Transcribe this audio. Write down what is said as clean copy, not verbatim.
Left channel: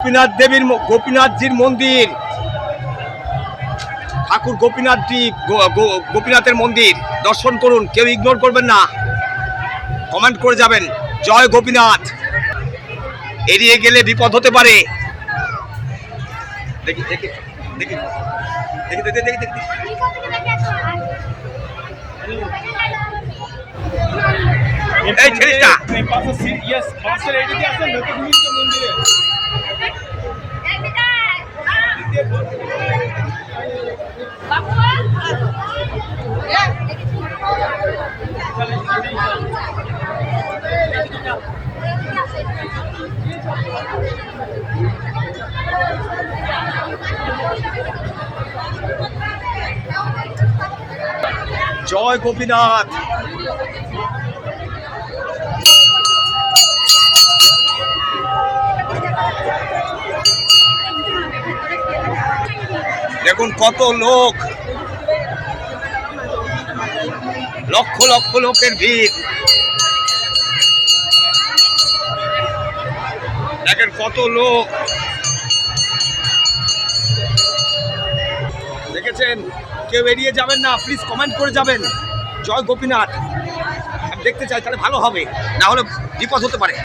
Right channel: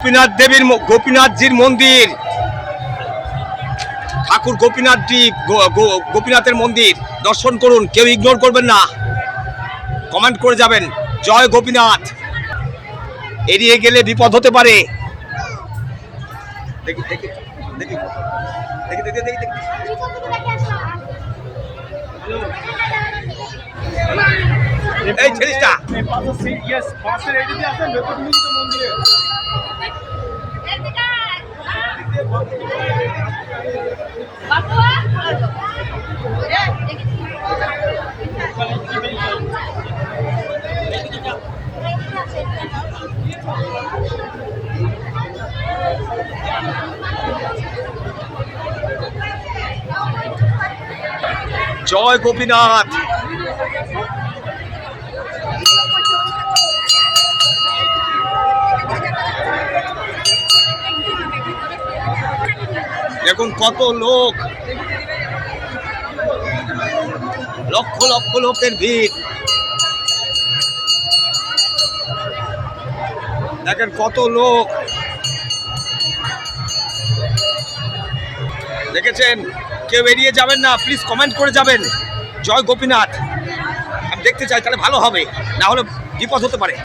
গোপীনাথজির মন্দির, ঠাকুর গোপীনাথের মন্দির দর্শন করুন, কেউ ইগনোর করবেন না, কমেন্ট করে যাবেন জয় গোপীনাথ। এড়িয়ে গেলে বিপদ হতে পারে। দেখি দেখি দেখি দেখি দেখি দেখি দেখি এই ছেলেটা জয় গোপীনাথ। দেখুন কত লোক, লক্ষ লক্ষ লোকের ভিড়। দেখেন কত লোক, দেখেছেন? কেউ এড়িয়ে যাবেন না, প্লিজ কমেন্ট করে যাবেন জয় গোপীনাথ। আমি দেখতে চাই, তাহলে ভালো হবে, না হলে বিপদ হতে পারে।